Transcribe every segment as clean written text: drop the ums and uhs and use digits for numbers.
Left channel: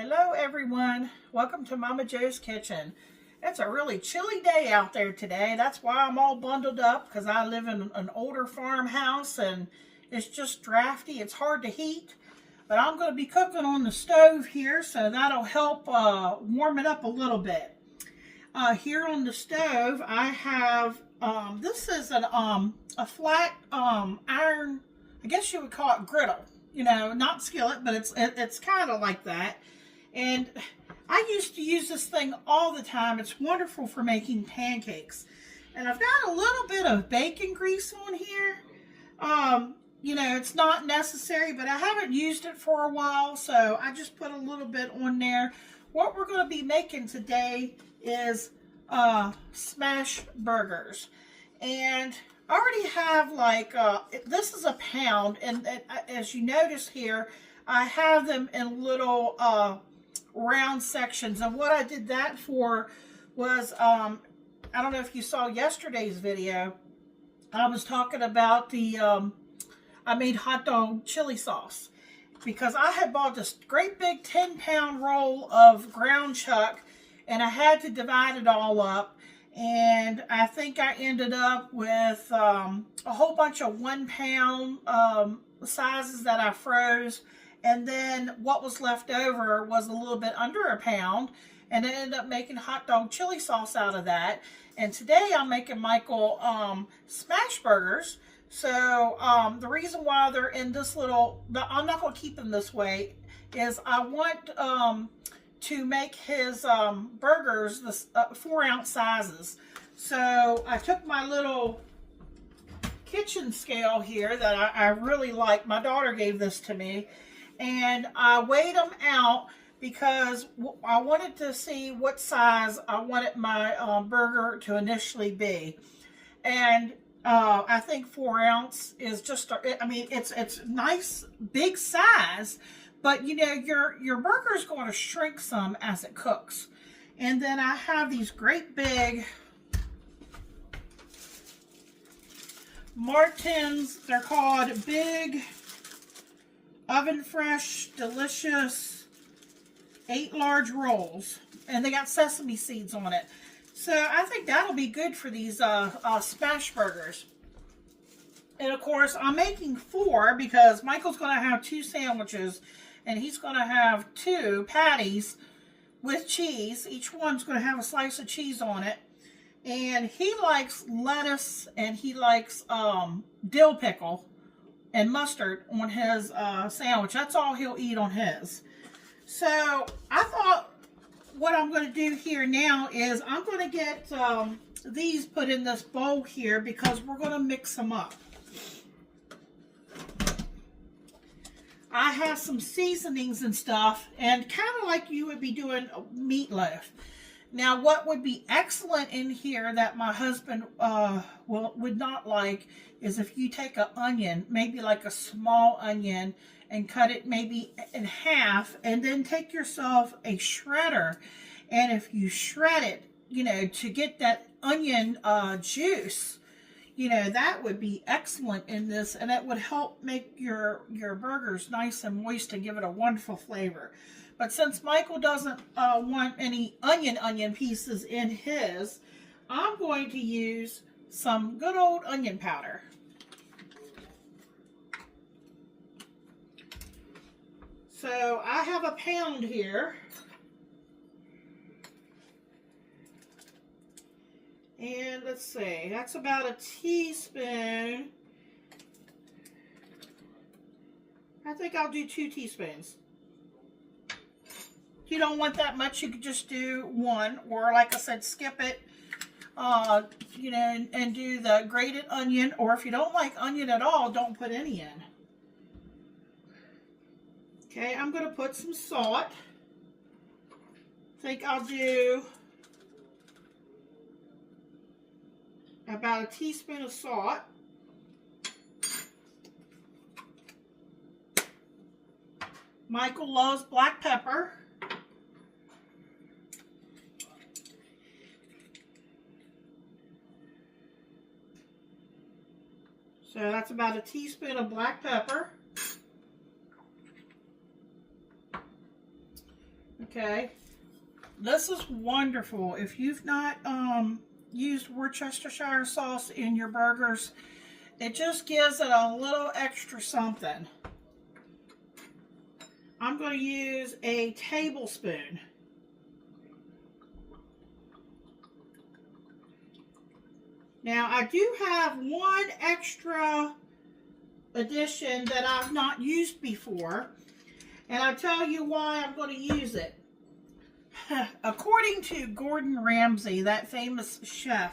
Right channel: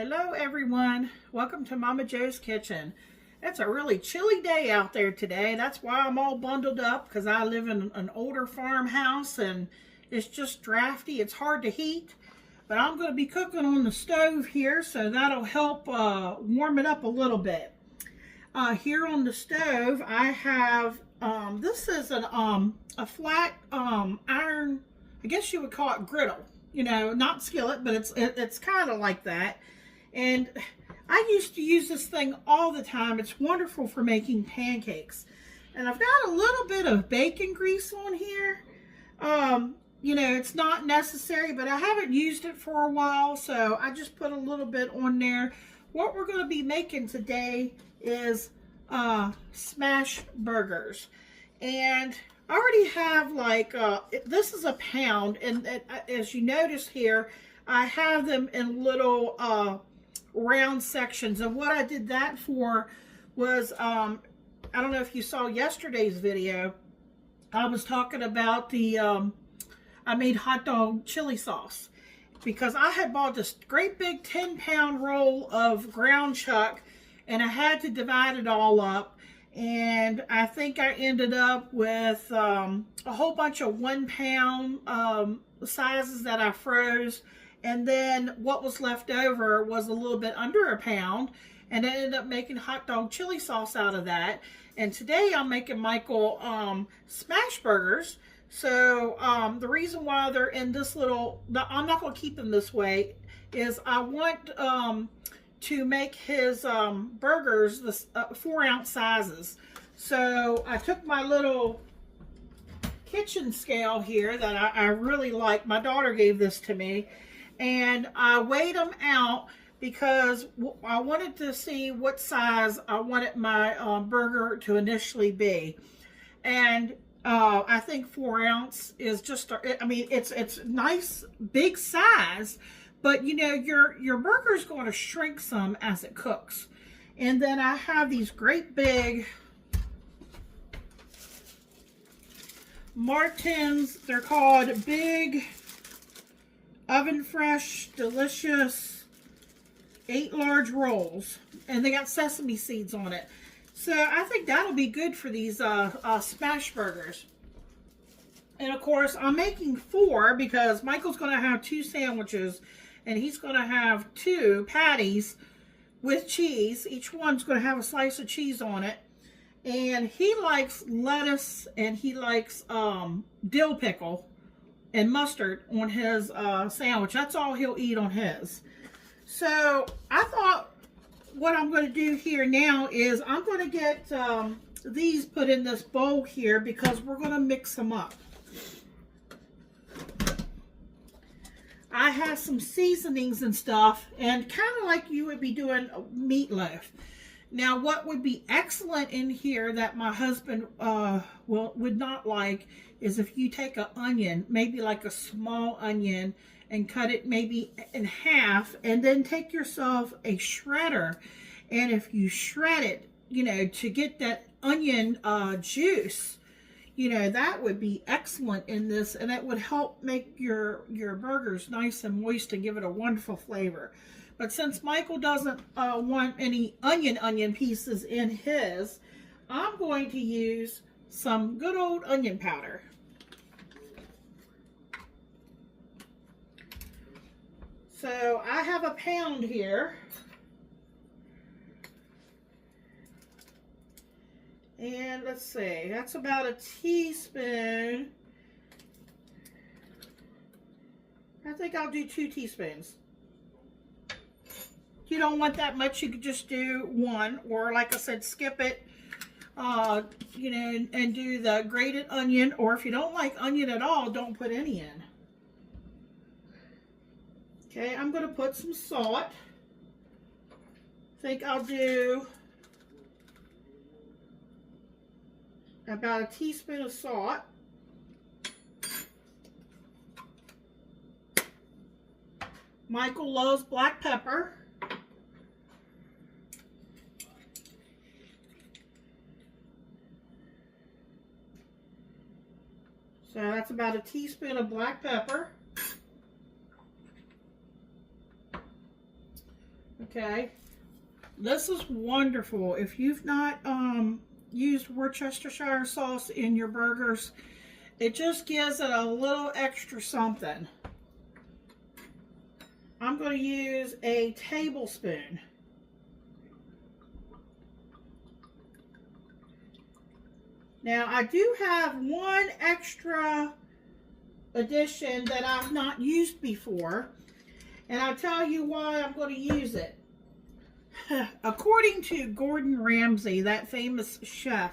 Hello everyone, welcome to Momma Jo's Kitchen. It's a really chilly day out there today. That's why I'm all bundled up, because I live in an older farmhouse and it's just drafty. It's hard to heat, but I'm going to be cooking on the stove here, so that'll help warm it up a little bit. Here on the stove I have, this is a flat iron, I guess you would call it griddle. You know, not skillet, but it's kind of like that. And I used to use this thing all the time. It's wonderful for making pancakes. And I've got a little bit of bacon grease on here. You know, it's not necessary, but I haven't used it for a while, so I just put a little bit on there. What we're going to be making today is smash burgers. And I already have like, this is a pound, and as you notice here, I have them in little round sections. And what I did that for was, I don't know if you saw yesterday's video, I was talking about the, I made hot dog chili sauce. Because I had bought this great big 10-pound roll of ground chuck, and I had to divide it all up. And I think I ended up with a whole bunch of 1-pound sizes that I froze. And then what was left over was a little bit under a pound. And I ended up making hot dog chili sauce out of that. And today I'm making Michael smash burgers. So the reason why they're in this little, I'm not going to keep them this way, is I want to make his burgers the 4-ounce sizes. So I took my little kitchen scale here that I really like. My daughter gave this to me, and I weighed them out because I wanted to see what size I wanted my burger to initially be. And I think 4-ounce is just, I mean, it's nice big size. But you know, your burger is going to shrink some as it cooks. And then I have these great big Martins. They're called Big Oven Fresh Delicious 8 large rolls. And they got sesame seeds on it. So I think that'll be good for these smash burgers. And of course, I'm making 4 because Michael's going to have 2 sandwiches. And he's going to have 2 patties with cheese. Each one's going to have a slice of cheese on it. And he likes lettuce, and he likes dill pickle and mustard on his sandwich. That's all he'll eat on his. So I thought what I'm going to do here now is I'm going to get these put in this bowl here because we're going to mix them up. I have some seasonings and stuff, and kind of like you would be doing meatloaf. Now, what would be excellent in here that my husband would not like is if you take an onion, maybe like a small onion, and cut it maybe in half, and then take yourself a shredder. And if you shred it, you know, to get that onion juice, you know, that would be excellent in this, and it would help make your burgers nice and moist and give it a wonderful flavor. But since Michael doesn't want any onion pieces in his, I'm going to use some good old onion powder. So I have a pound here. And let's see, that's about a teaspoon. I think I'll do 2 teaspoons. If you don't want that much, you could just do 1, or like I said, skip it, you know, and do the grated onion, or if you don't like onion at all, don't put any in. Okay, I'm going to put some salt. I think I'll do about a teaspoon of salt. Michael loves black pepper. So that's about a teaspoon of black pepper. Okay. This is wonderful. If you've not used Worcestershire sauce in your burgers, it just gives it a little extra something. I'm going to use a tablespoon. Now, I do have one extra addition that I've not used before, and I'll tell you why I'm going to use it. According to Gordon Ramsay, that famous chef,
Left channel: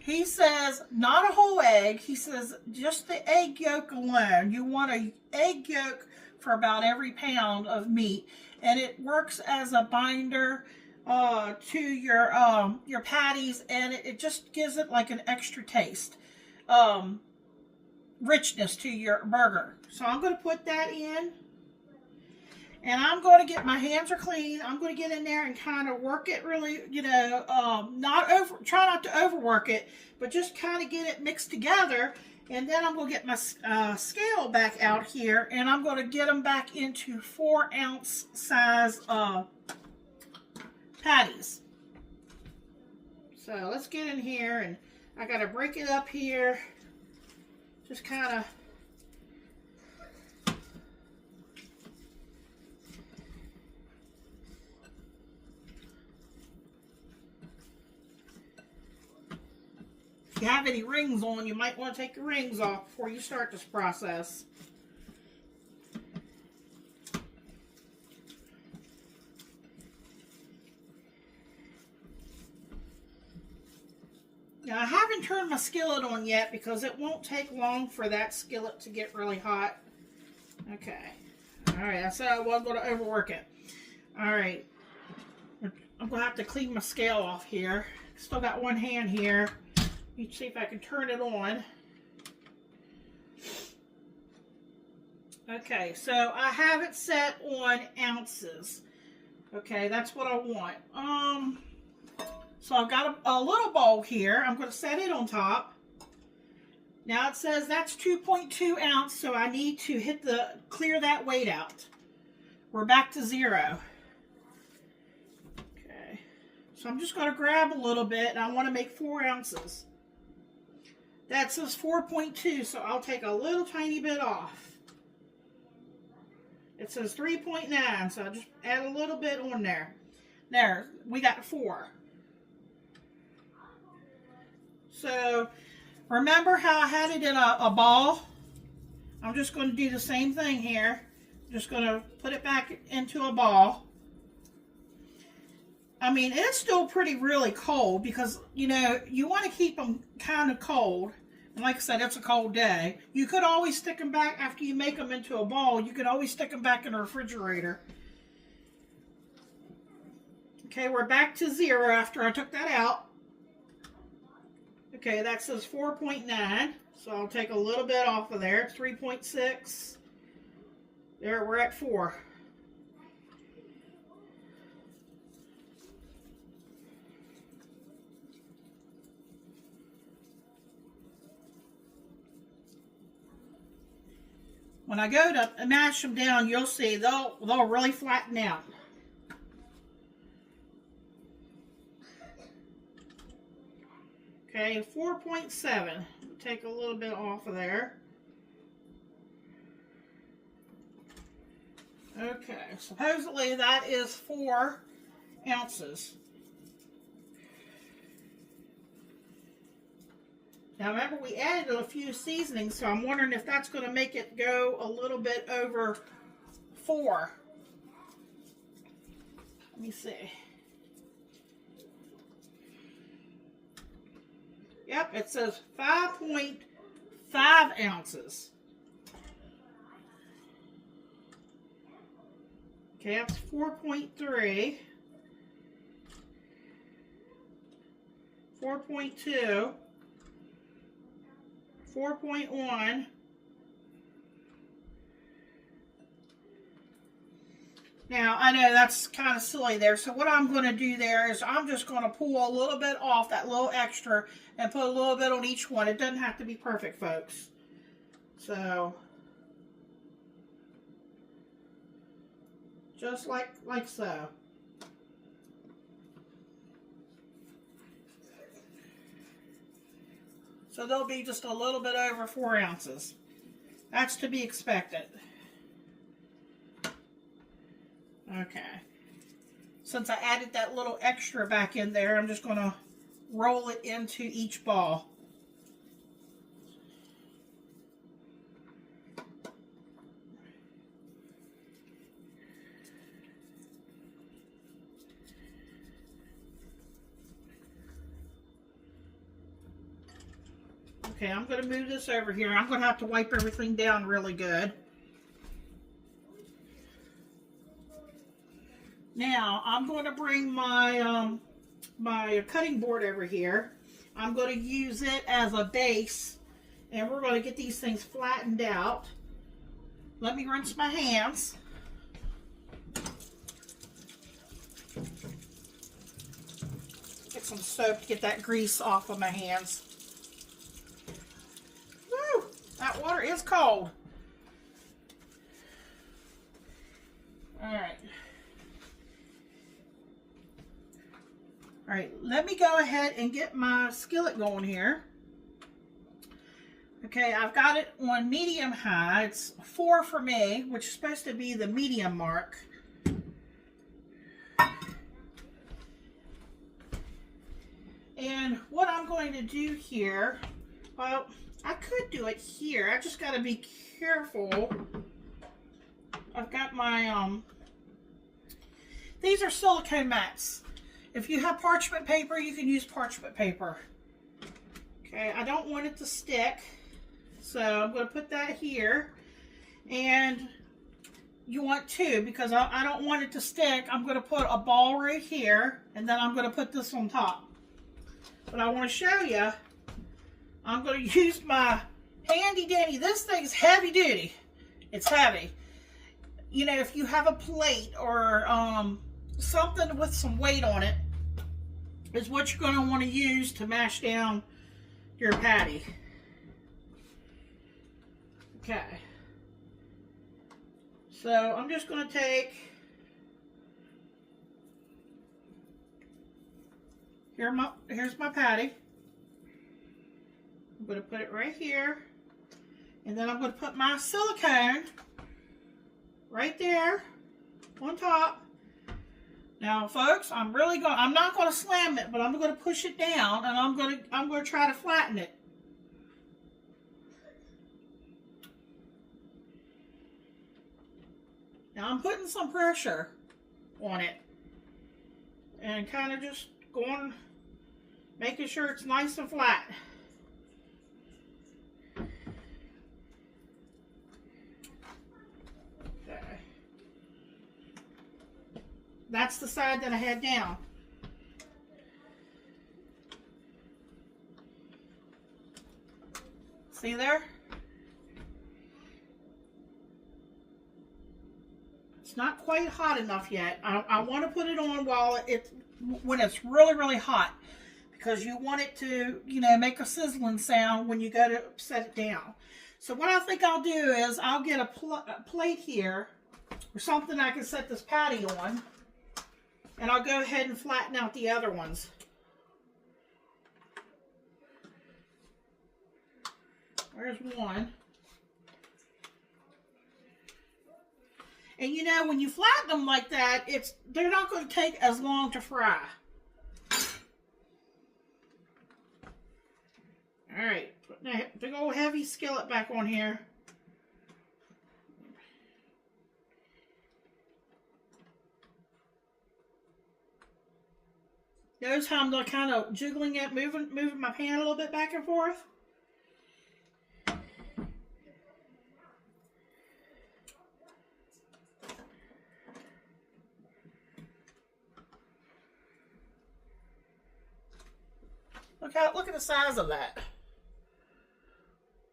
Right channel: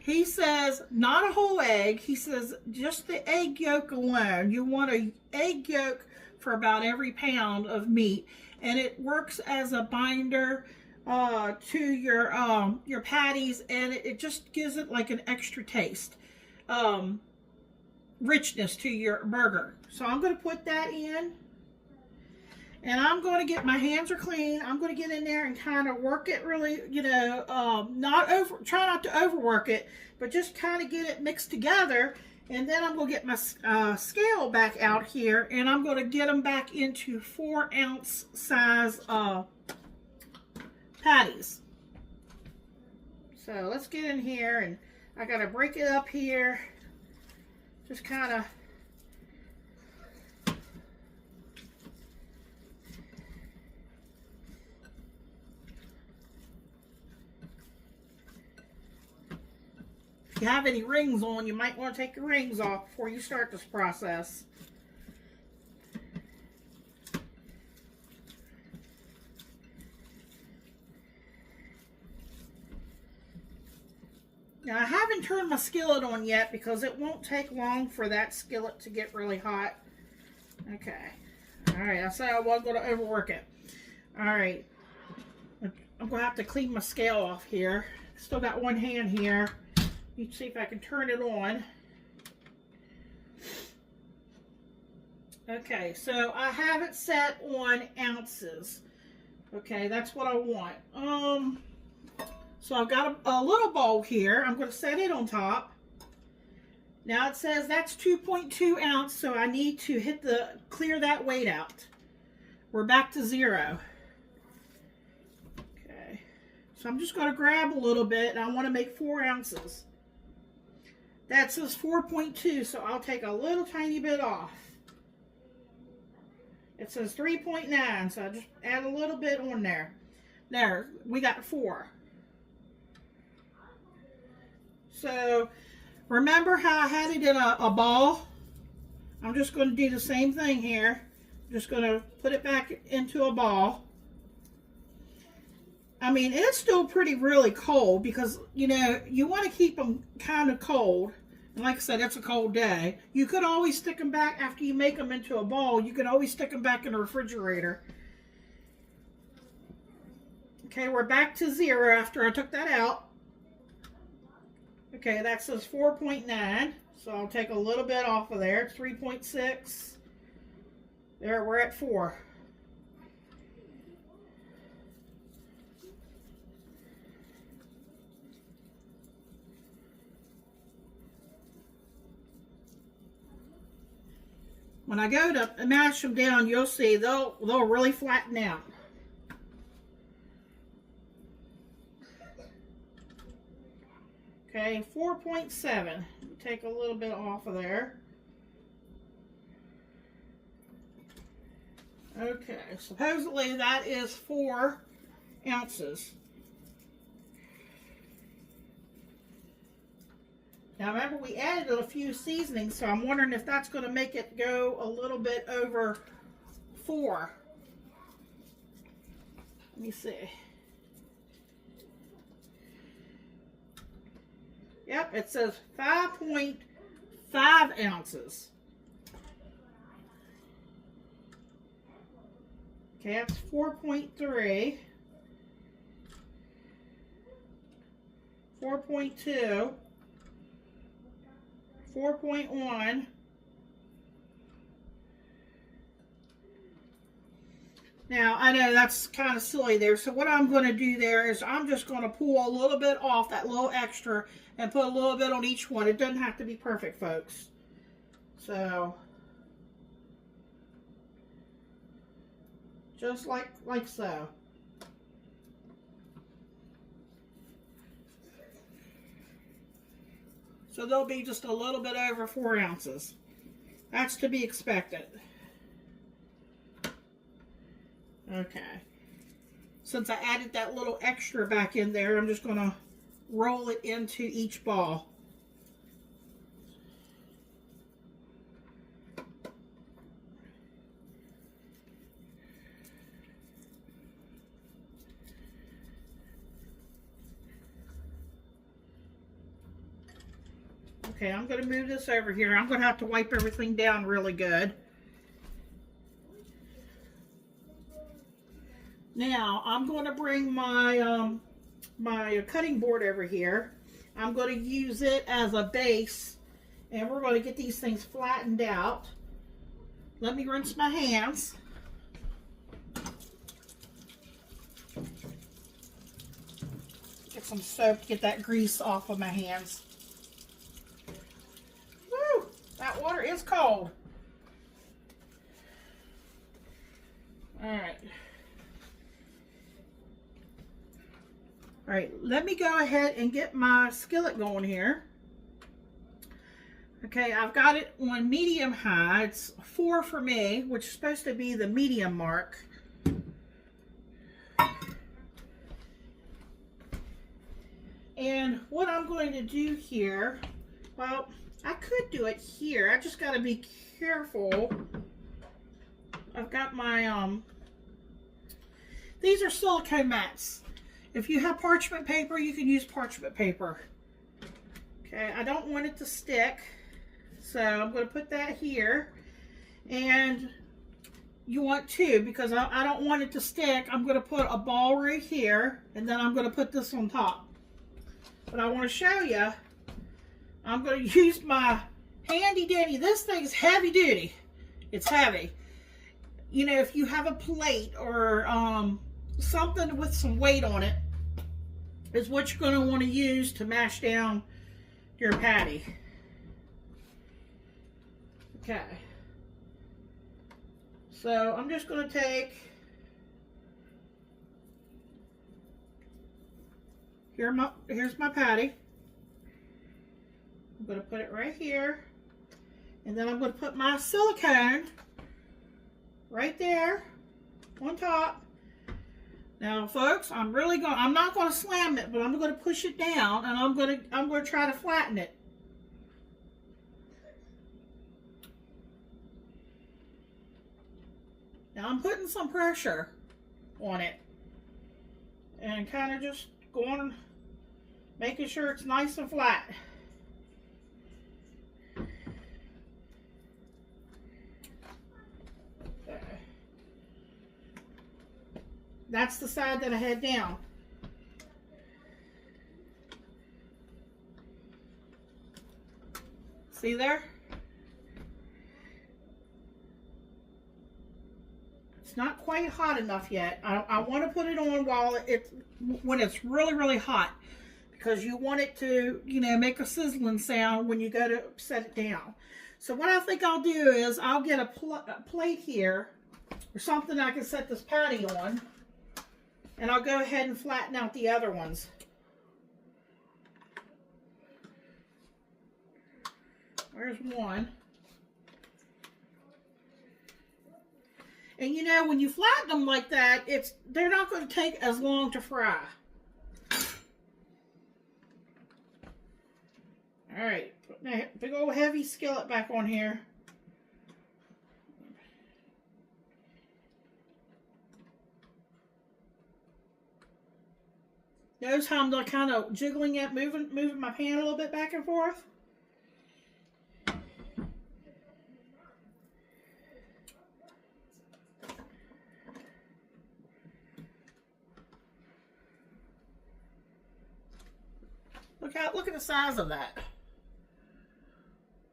he says not a whole egg. He says just the egg yolk alone. You want an egg yolk for about every pound of meat, and it works as a binder to your patties, and it just gives it like an extra taste, richness to your burger. So I'm going to put that in, and I'm going to get, my hands are clean, I'm going to get in there and kind of work it really, you know, try not to overwork it, but just kind of get it mixed together. And then I'm going to get my scale back out here, and I'm going to get them back into 4-ounce size patties. So let's get in here, and I got to break it up here. Just kind of if you have any rings on, you might want to take your rings off before you start this process. Now, I haven't turned my skillet on yet because it won't take long for that skillet to get really hot. Okay. All right, I said I wasn't going to overwork it. All right. I'm going to have to clean my scale off here. Still got one hand here. Let's see if I can turn it on. Okay, so I have it set on ounces. Okay, that's what I want. So I've got a little bowl here. I'm going to set it on top. Now it says that's 2.2 ounce, so I need to clear that weight out. We're back to 0. Okay, so I'm just going to grab a little bit, and I want to make 4 ounces. That says 4.2, so I'll take a little tiny bit off. It says 3.9, so I'll just add a little bit on there. There, we got 4. So, remember how I had it in a ball? I'm just going to do the same thing here. Just going to put it back into a ball. I mean, it's still really cold because, you know, you want to keep them kind of cold. And like I said, it's a cold day. You could always stick them back after you make them into a ball. You could always stick them back in the refrigerator. Okay, we're back to 0 after I took that out. Okay, that says 4.9, so I'll take a little bit off of there. 3.6. There, we're at 4. When I go to mash them down, you'll see they'll really flatten out. Okay, 4.7. Take a little bit off of there. Okay, supposedly that is 4 ounces. Now remember, we added a few seasonings, so I'm wondering if that's going to make it go a little bit over 4. Let me see. Yep, it says 5.5 ounces. Okay, that's 4.3. 4.2. 4.1. Now, I know that's kind of silly there, so what I'm going to do there is I'm just going to pull a little bit off that little extra and put a little bit on each one. It doesn't have to be perfect, folks. So, just like so. So they'll be just a little bit over 4 ounces. That's to be expected. Okay. Since I added that little extra back in there, I'm just going to roll it into each ball. Okay, I'm going to move this over here. I'm going to have to wipe everything down really good. Now, I'm going to bring my my cutting board over here. I'm going to use it as a base, and we're going to get these things flattened out. Let me rinse my hands. Get some soap to get that grease off of my hands. Woo! That water is cold. Alright. Alright, let me go ahead and get my skillet going here. Okay, I've got it on medium high. It's 4 for me, which is supposed to be the medium mark. And what I'm going to do here, well, I could do it here. I just got to be careful. I've got my, these are silicone mats. If you have parchment paper, you can use parchment paper. Okay, I don't want it to stick. So I'm going to put that here. And you want 2 because I don't want it to stick. I'm going to put a ball right here. And then I'm going to put this on top. But I want to show you, I'm going to use my handy dandy. This thing's heavy duty. It's heavy. You know, if you have a plate or something with some weight on it, is what you're going to want to use to mash down your patty. Okay. So I'm just going to take, here's my patty. I'm going to put it right here. And then I'm going to put my silicone right there on top. Now, folks, I'm not going to slam it, but I'm going to push it down, and I'm going to try to flatten it. Now, I'm putting some pressure on it, and kind of just going, making sure it's nice and flat. That's the side that I had down. See there? It's not quite hot enough yet. I want to put it on when it's really, really hot, because you want it to, you know, make a sizzling sound when you go to set it down. So what I think I'll do is I'll get a plate here or something I can set this patty on. And I'll go ahead and flatten out the other ones. There's one. And you know, when you flatten them like that, they're not going to take as long to fry. Alright, put that big old heavy skillet back on here. Notice how I'm kind of jiggling it, moving my pan a little bit back and forth. Look at the size of that.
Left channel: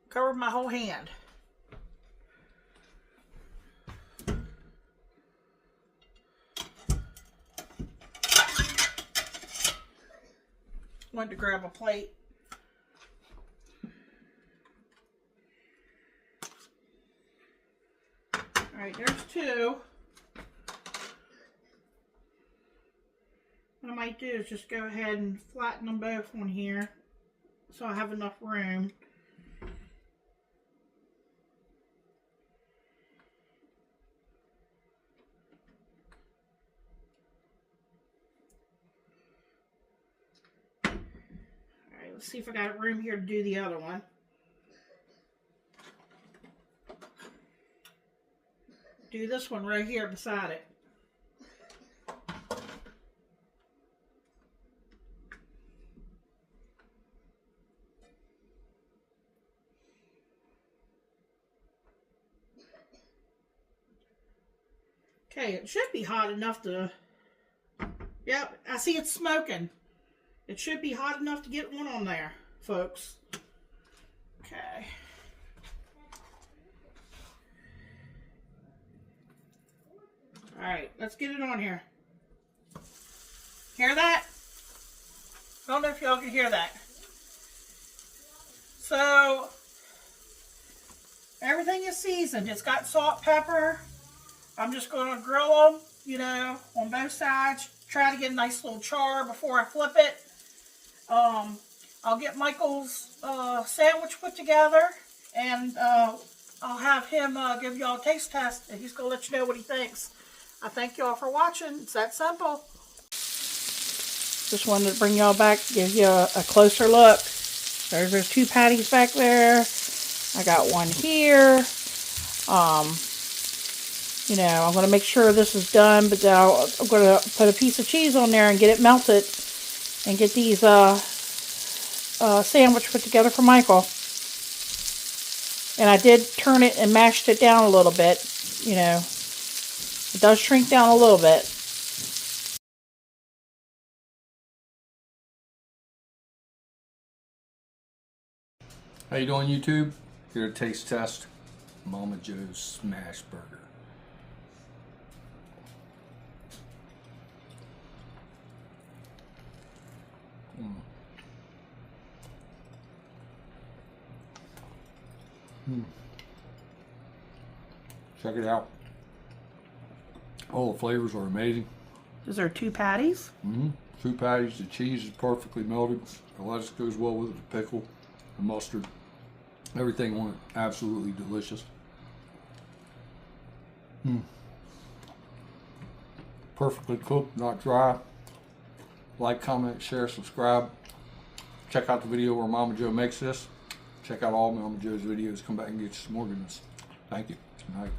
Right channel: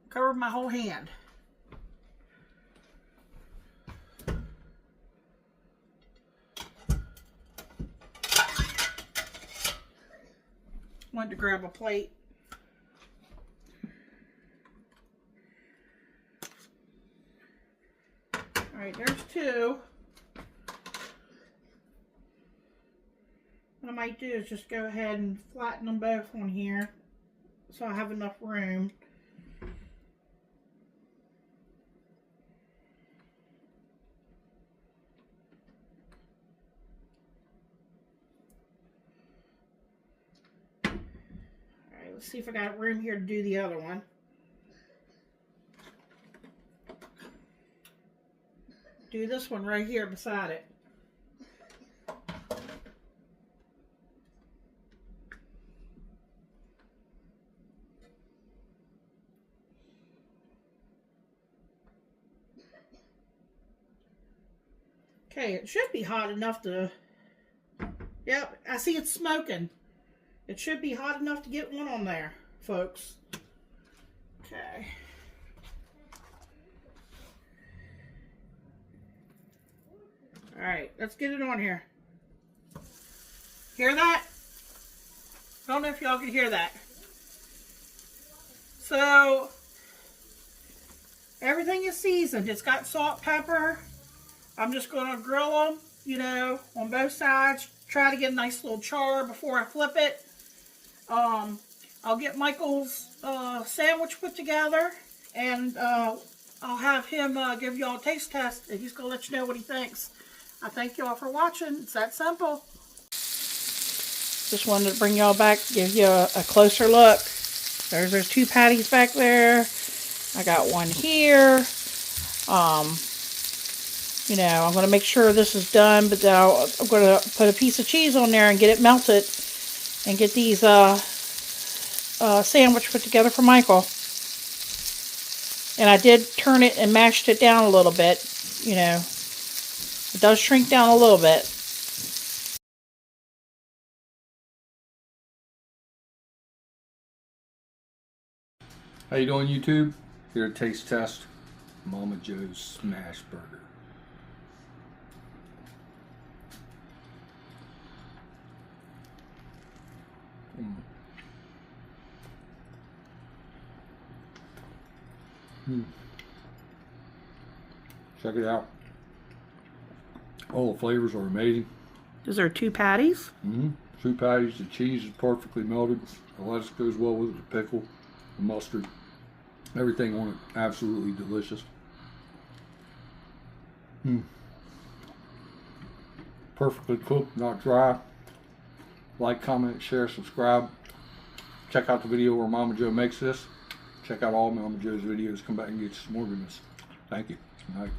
Covered my whole hand. Went to grab a plate. Alright, there's 2. What I might do is just go ahead and flatten them both on here. so I have enough room. Alright, let's see if I got room here to do the other one. Do this one right here beside it. Okay, it should be hot enough to... Yep, I see it's smoking. It should be hot enough to get one on there, folks. Okay. Alright, let's get it on here. Hear that? I don't know if y'all can hear that. So, everything is seasoned. It's got salt, pepper. I'm just going to grill them, you know, on both sides. Try to get a nice little char before I flip it. I'll get Michael's sandwich put together, and I'll have him give y'all a taste test, and he's going to let you know what he thinks. I thank y'all for watching. It's that simple. Just wanted to bring y'all back, give you a closer look. There's 2 patties back there. I got one here. You know, I'm going to make sure this is done, but then I'm going to put a piece of cheese on there and get it melted and get these sandwich put together for Michael. And I did turn it and mashed it down a little bit, you know. It does shrink down a little bit. How you doing, YouTube? Here to taste test Momma Jo's smash burger. Check it out. All the flavors are amazing. Is there 2 patties? 2 patties. The cheese is perfectly melted. The lettuce goes well with it. The pickle, the mustard, everything on it. Absolutely delicious. Perfectly cooked, not dry. Like, comment, share, subscribe. Check out the video where Momma Jo makes this. Check out all Momma Jo's videos. Come back and get some more goodness. Thank you. Good night.